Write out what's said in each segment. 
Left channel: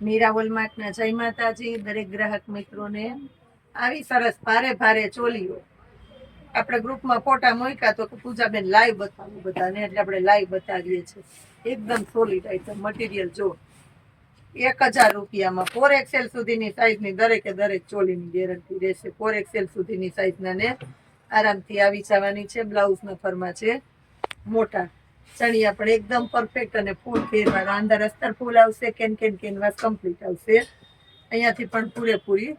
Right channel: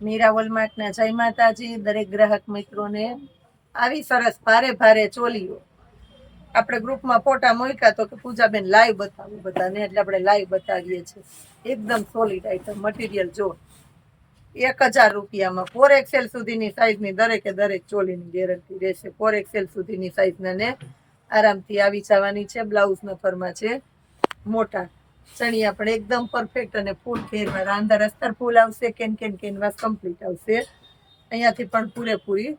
મીરા વોલમાર્ટના જય માતાજી, દરેક ગ્રાહક મિત્રોને આવી સરસ ભારે ભારે ચોલીઓ. આપણે ગ્રુપમાં ફોટા મૂક્યા તો કે પૂજાબેન લાઈવ બતાવું બધાને, એટલે આપણે લાઈવ બતાવીએ છીએ. એકદમ સોલિડ આઈટમ મટીરિયલ જો. એક હજાર રૂપિયામાં ફોર એક્સેલ સુધીની સાઈઝની દરેકે દરેક ચોલીની ગેરંટી રહેશે. ફોર એક્સેલ સુધીની સાઈઝના ને આરામથી આવી જવાની છે. બ્લાઉઝના ફરમાં છે મોટા ચણિયા પણ એકદમ પરફેક્ટ અને ફૂલ ઘેરવાળા અંદર અસ્તર ફૂલ આવશે, કેન કેન કેનવાસ કમ્પ્લીટ આવશે. અહીંયાથી પણ પૂરેપૂરી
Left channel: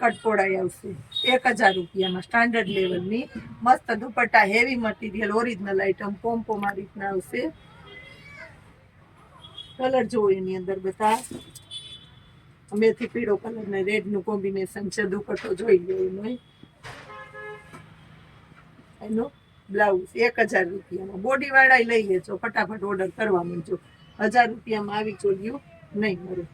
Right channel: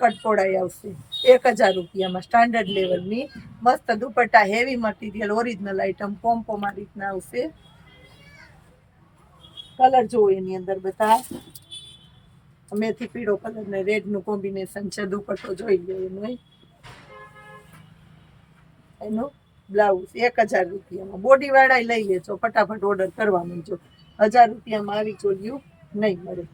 કટપોડાઈ આવશે. એક હજાર રૂપિયામાં સ્ટાન્ડર્ડ લેવલની મસ્ત dupatta heavy material original item આ રીતના આવશે. કલર જુઓ એની અંદર બધા. મેથી પીળો કલર ને રેડનું કોમ્બિનેશન છે, દુપટ્ટો જોઈ લે એનો. એનો બ્લાઉઝ એક હજાર રૂપિયામાં. બોડી વાળા લઈ લેજો, ફટાફટ ઓર્ડર કરવા માંડજો હજાર રૂપિયામાં આવી ચોલ્યું નહીં મળે.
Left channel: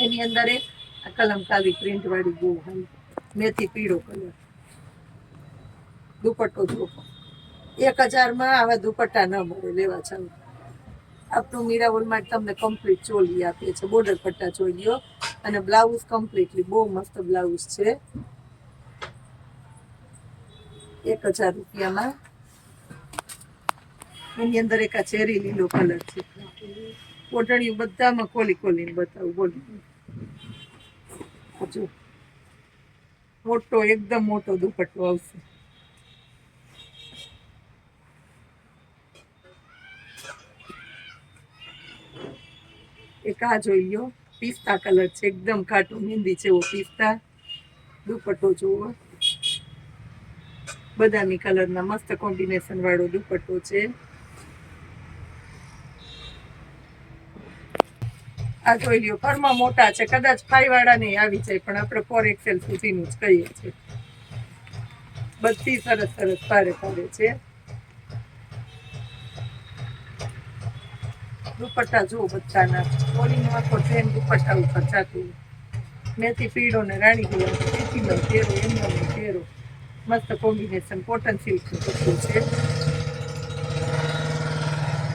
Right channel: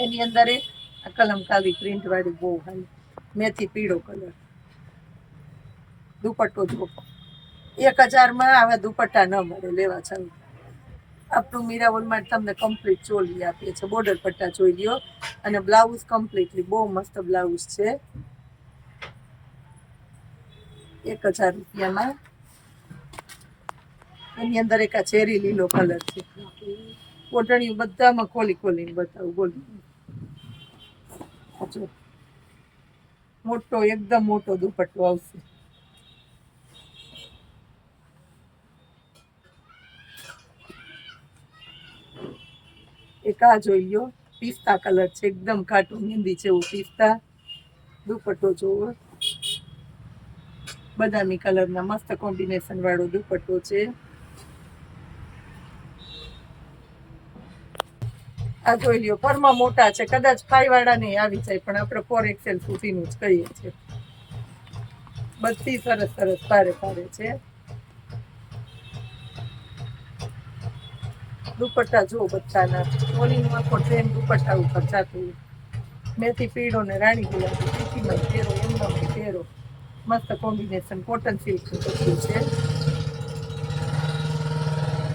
એની અંદર એક આ કલમકારી પ્રિન્ટ વાળી બહુ હારી. મેથી પીળો કલર. દુપટ્ટો જો એક હજારમાં આવા દુપટ્ટા ન મળે, લેવા ચાલુ આપણું મીરાવલ માટે તમને કમ્પ્લીટ ચોલી આપીએ છે. બોર્ડર પટ્ટા જોઈ લ્યો અને બ્લાઉઝ કમ્પ્લીટલી બહુ મસ્ત બ્લાઉઝ છે. એક હજાર રૂપિયામાં. એની અંદર એક આ ચેરી લીલો કલર છે. કોટણીયું બધામાં ખોલી ખોલીને બતાવું, બોલું. જો. મોટો, એકદમ મોટો દુપટ્ટો આવશે. એક આ જોઈ લો, પિસ્તા કલર છે, એકદમ ઘાટું મહેંદી જેવો પિસ્તા. દુપટ્ટો જોવો. બદામી કલરના મસ્ત કોમ્બિનેશન વાળો દુપટ્ટો છે. આ જોઈ લ્યો ફરમાં મોટા છે, કદાચ ફાઈ વાળા નહીં આવી જાય, પણ આપણે ફોર એક્સેલ સુધીનું જ કહીએ છીએ. બધી સરસ સરસ ભારે પારે છે. દુપટ્ટા જો બધાના. ઓલીનું આખો ટ્રેન દુપટ્ટા ઉપર જાતું મેથી, પીળો ને રાણી ગુલાબી પીતીમાં ઘેરો એમનો ઘેરો મસ્ત કોમ્બિનેશન, કોટન સિલ્ક બધું છે.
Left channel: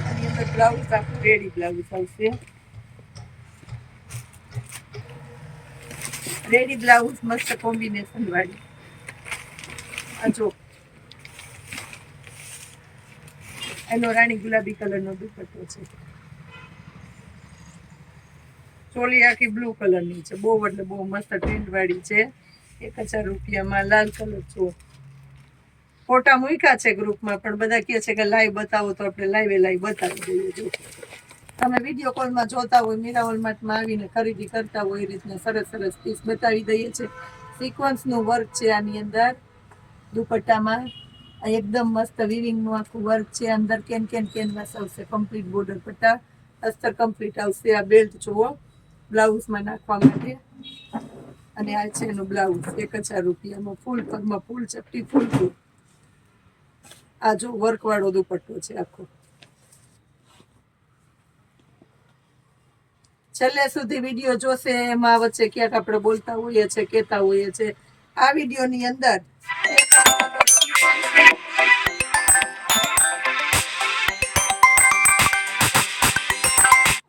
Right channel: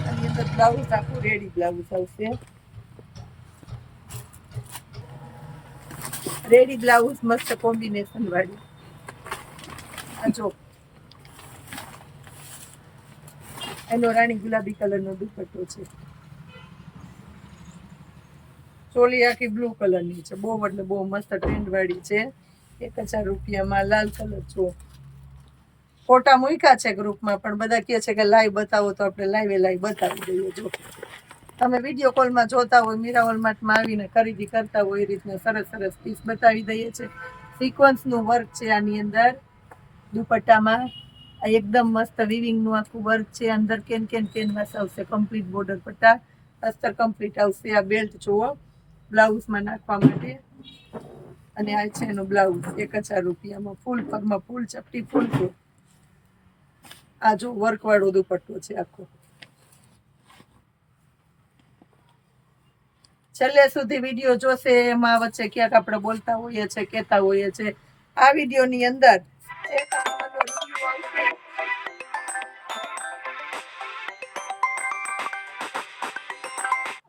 આની અંદર બ્લાઉઝ આખું રેડી બ્લાઉઝ આવશે. રેડી બ્લાઉઝ, મસ્ત કોમ્બિનેશન વાળી. આ જો. એનો રાણી ગુલાબી કલરનો દુપટ્ટો છે. ચોલી આખી બ્લુ કલરની છે. બહુ એટલે બહુ મસ્ત ટ્રેન્ડ વાળી છે. એક હજાર રૂપિયામાં લાલ કલર જુઓ ફોટા મૂક્યા છે ગ્રુપમાં, પણ બધા કહે છે કે લાઈવ બતાવો તો આપણે લાઈવે લાઈવ બતાવી દઈએ. જો, તમે વીડિયો કોલમાં જોતા હોય મીરા હોલમાર્ટમાં આવીને ખરીદી કરતા હોય, એ રીતના સરસ સરસ પીસ બતાવી દઈએ છે. સિક્વન્સનું વર્ક છે આની અંદર. દુપટ્ટામાં આ એકદમ મસ્ત વિવિંગનું આખું વર્ક છે. અંદર કેન કેન કેનવાસ આવશે કમ્પ્લીટ બોર્ડર પટ્ટા. અસ્તર કમ્પ્લીટ આવશે આ બેલ્ટ જુઓ. બ્લાઉઝમાં નાખવા માટે. અને આ છે એનું બ્લાઉઝ એક હજાર રૂપિયામાં ફૂલ, પગમાં ફૂલ, ચપટી ફૂલ ફૂલ. આ જો વર્ક વાળો દુપટ્ટો છે આખો. છેલ્લે સુધી વીડિયો જોશે, એમાં વચ્ચે ક્યાંક આપણે બોલતા હોઈએ છે કહેતા હોઈએ છે આ વિડીયોની અંદર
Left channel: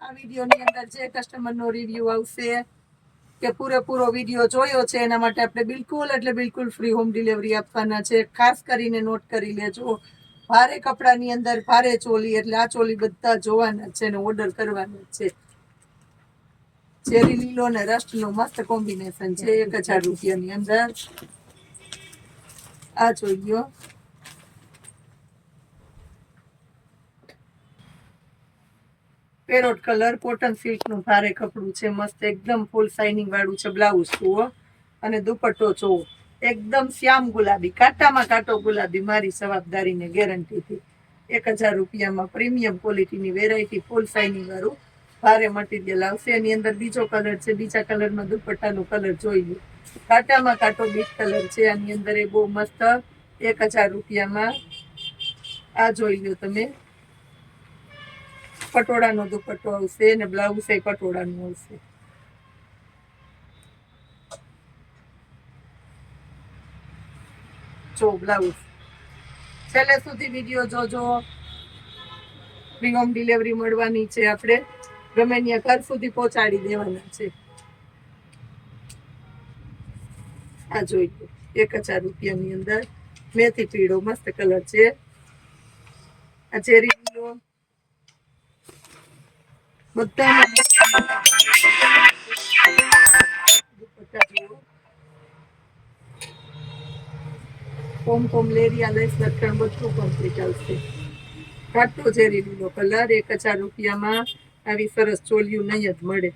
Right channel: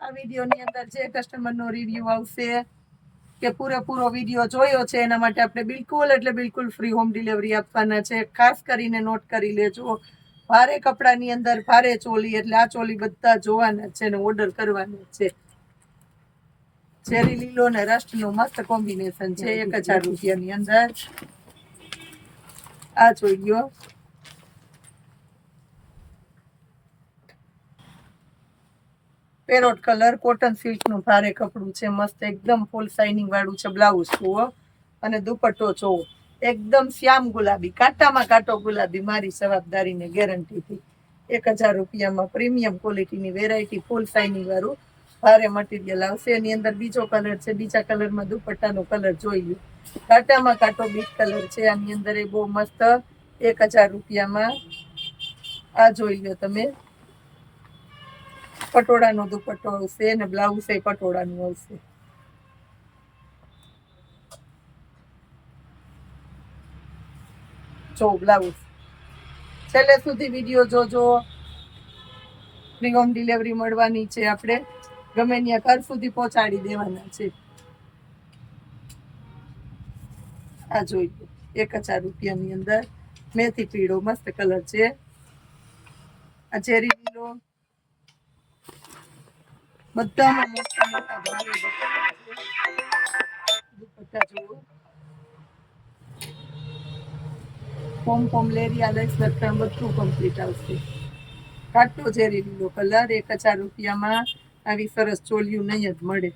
આ વિડીયોની અંદર જે કસ્ટમરનો રિવ્યુ આવશે કે પૂરેપૂરો વીડિયો જોયો છે, એના માટે આપણે બિલકુલ એટલે બિલકુલ ફ્રી હોમ ડિલિવરી આપવાના છે. ખાસ કરીને નોટ કરી લેજો. ભારે કપડાની અંદર ભારે ચોલી, એટલે આ ચોલી બધા જોવાના છે ને ઓર્ડર કરવાના છે. ચેરી લીલો ને રસ્ટનું મસ્ત કોમ્બિનેશન છે, એક હજાર રૂપિયાની અંદર. આ જોઈ લ્યો. પેરોટ કલર કોટન સિલ્કનું ભારે કપડું છે, મસ્ત એકદમ ફૂલ શાઇનિંગ વાળું છે બ્લાઉઝ જુઓ. અને દુપટ્ટો, જુઓ. એકદમ શ્યામ ગુલાબી, કાંટામાં કાંટો ગુલાબી, મારી જવાબદારીને ગેરંટીથી એક હજાર રૂપિયામાં પ્રીમિયમ ક્વોલિટીની વેરાયટી ફૂલ શાઇનિંગ વાળું, ભારે મટીરિયલ આવશે. એની અંદર બીજો કલર છે, બીજા કલરમાં દુપટ્ટાનો કલર જોઈ લો. કાંટામાં કાંટો બીટ કલર છે, આની અંદર એ બહુ મસ્ત એક હજાર રૂપિયામાં. આ જોઈ લો તમે. પટોળાનો દુપટ્ટો આવશે અને બ્લાઉઝ એ પટોળાનું આવશે. જો બ્લાઉઝ છેલ્લે સુધી વીડિયો જોજો. ફ્રી હોમ ડિલિવરી મળવાની છે આપણે. ગમે ત્યાં ઘર સુધી પહોંચાડી દેવાના છે. આ જોઈએ એક હજાર રૂપિયાની અંદર. મેથી પીળો, મસ્ત કલર છે. આ ચેરી લીલો. બધામાં મોટા લેરિયા રૂપિયામાં આવી સરસ ચોલિયું નહીં જ મળે.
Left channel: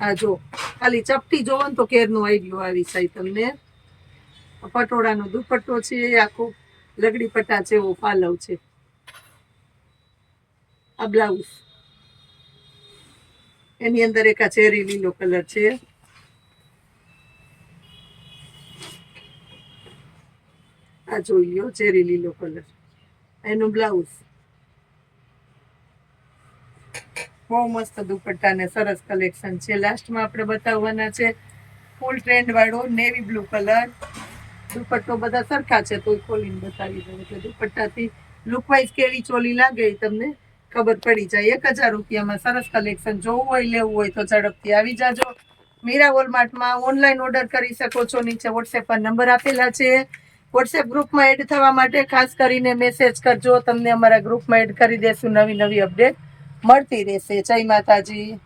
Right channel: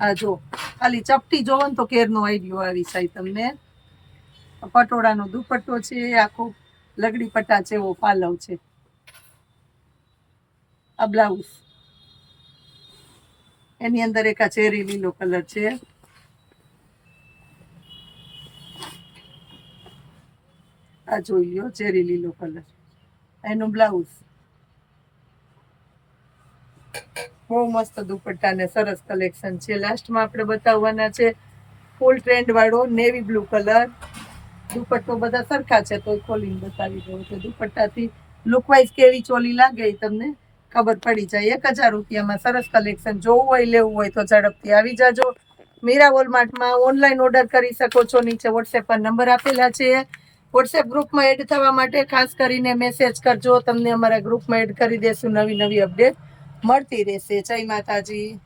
આ જો, ખાલી ચપટી જોવો ને તો કેરનો આઈડિયો આવી જાય તમને. પટોળાનો દુપટ્ટો છે, આખો લગડી પટ્ટા જેવો પાલવ છે. આ બ્લાઉઝ એની અંદર એક આ ચેરી લીલો કલર છે. આ જોઈ લો ચેરી લીલો કલર. એનું બ્લાઉઝ. બહુ મસ્ત દુપટ્ટા ને સરસ કલેક્શન છે. લાસ્ટમાં આપણે બતાવવાના છે, ફૂલ ટ્રેન્ડ વાળો નેવી બ્લુ કલર. દુપટ્ટો બધા સરખા છે તો ખોલીને બતાવી દઉં કે દુપટ્ટાથી લુકવાઇઝ કેવી ચોલી લાગે એ તમને? ખબર પડી જાય. એક હજાર રૂપિયામાં સરસ કલેક્શન જોવું હોય, લેવું હોય તો ઝડપથી આવી જાજો. મીરા વોલમાર્ટમાં ઓનલાઈન ઓર્ડર કરી શકો છો. નીચે વોટ્સએપ પર નંબર આપેલા છે. વોટ્સએપ ગ્રુપમાં એડ થવા માટે ખાસ કરીને મેસેજ કરજો. તમને અમારા ગ્રુપમાં એડ કરી દેશું. નવી નવી અપડેટ મળતી રહેશે. જય માતાજી.